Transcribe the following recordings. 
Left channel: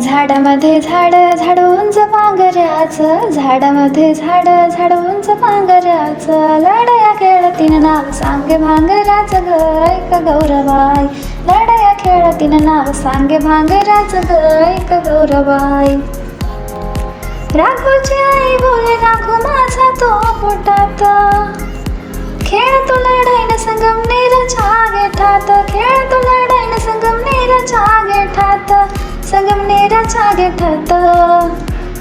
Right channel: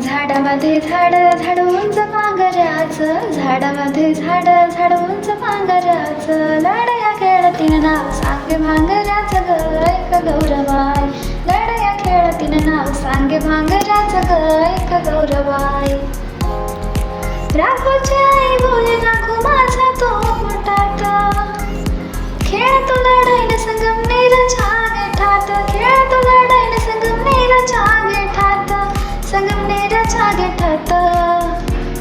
झाडामध्ये झाड झाड उंच पांघऱ्याचं, झाडामध्ये झाड झाड उंच पांघऱ्याचं, लढया खेळतीन नाव सांगे भांगराचं ग ऐक गौरबाई, लढया खेळतीन नाव सांगे भांगराचं ग ऐक गौरबाई. राघूची आई बोले राघू माझा तो पोटात, खेळतो लढाईने संगमनेरच्या गेठात, खेळतो लढाईने संगमनेरच्या गेठात, संगमनेरच्या गेठात.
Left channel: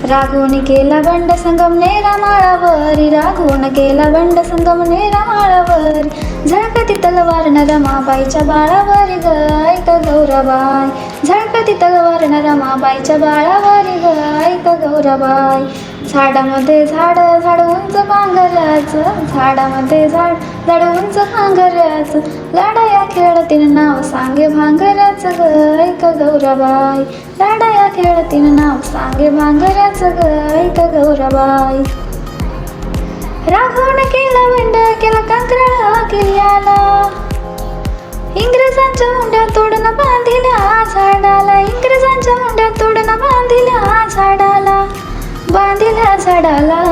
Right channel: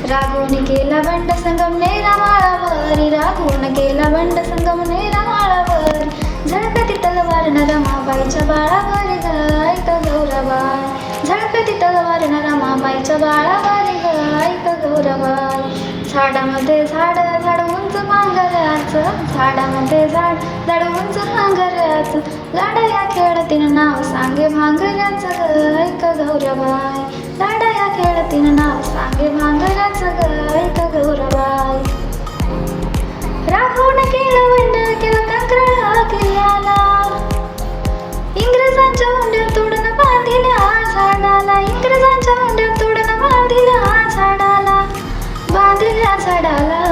राघूने केला बंड संगमनेरा माळावरी, राघूने केला बंड संगमनेरा माळावरी, झळकती तलवार न रमाबाईच्या बाळावरी ग ऐक गौरबाई, झळकती तलवार न रमाबाईच्या बाळावरी ग ऐक गौरबाई. झाडामध्ये झाड झाड उंच पांघऱ्याचं, झाडामध्ये झाड झाड उंच पांघऱ्याचं, लढया खेळतीन नाव सांगे भांगऱ्याचं ग ऐक गौरबाई, लढया खेळतीन नाव सांगे भांगऱ्याचं ग ऐक गौरबाई. राघवने केला बंड केला कंत्राळा किल्ल्याला, इंग्रजांच्या मुंड्या तोडून बांधिल्या झाडाला, इंग्रजांच्या मुंड्या तोडून बांधिल्या झाडाला, बांधिल्या झाडाला.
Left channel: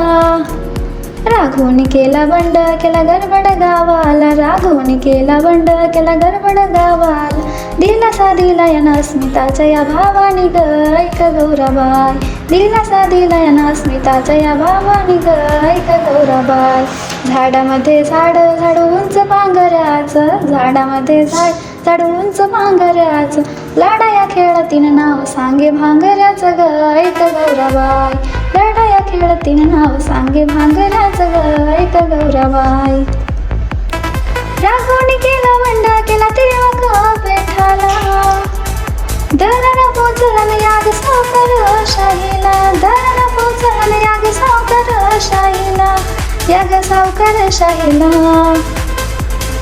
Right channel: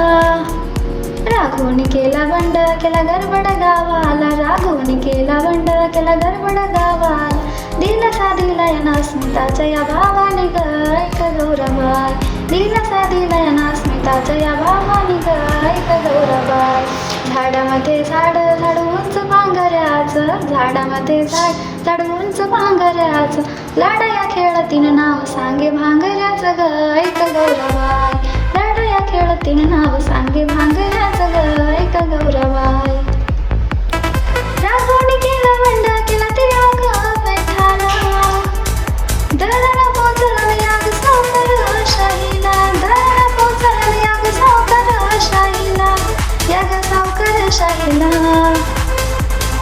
राघवने केला बंड केला गडबड गावाला, राघवने केला बंड केला गडबड गावाला, दिलासा दिला या अस्मिताच्या या भावानी ग ऐक गौरबाई, दिलासा दिला या अस्मिताच्या या भावानी ग ऐक गौरबाई. झाडामध्ये झाड झाड उंच पांघऱ्याचं, झाडामध्ये झाड झाड उंच पांघऱ्याचं, लढया खेळतीन नाव सांगे भांगऱ्याचं ग ऐक गौरबाई, लढया खेळतीन नाव सांगे भांगऱ्याचं ग ऐक गौरबाई. राघवने केला बंड केला तिळक पेठाला, दळण पोचलं याग सावकारशाहीला, दळण पोचलं याग सावकारशाहीला, याग सावकारशाहीला.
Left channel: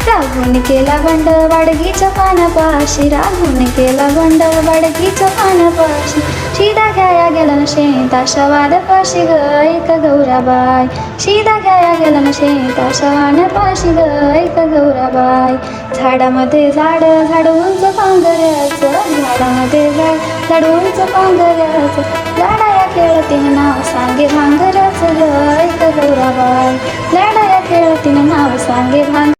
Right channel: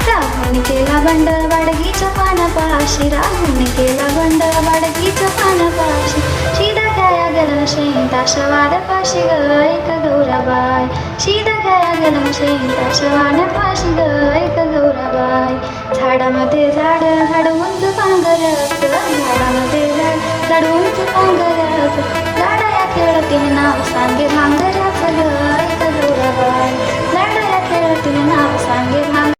राघवने केला बंड वाडगीच्या पानापाशी, राघवने केला बंड वाडगीच्या पानापाशी, शिदा गाया गेला शेताच्या वाड्यापाशी ग ऐक गौरबाई, शिदा गाया गेला शेताच्या वाड्यापाशी ग ऐक गौरबाई. झाडामध्ये झाड झाड उंच पांघऱ्याचं, झाडामध्ये झाड झाड उंच पांघऱ्याचं, लढया खेळतीन नाव सांगे भांगऱ्याचं ग ऐक गौरबाई, लढया खेळतीन नाव सांगे भांग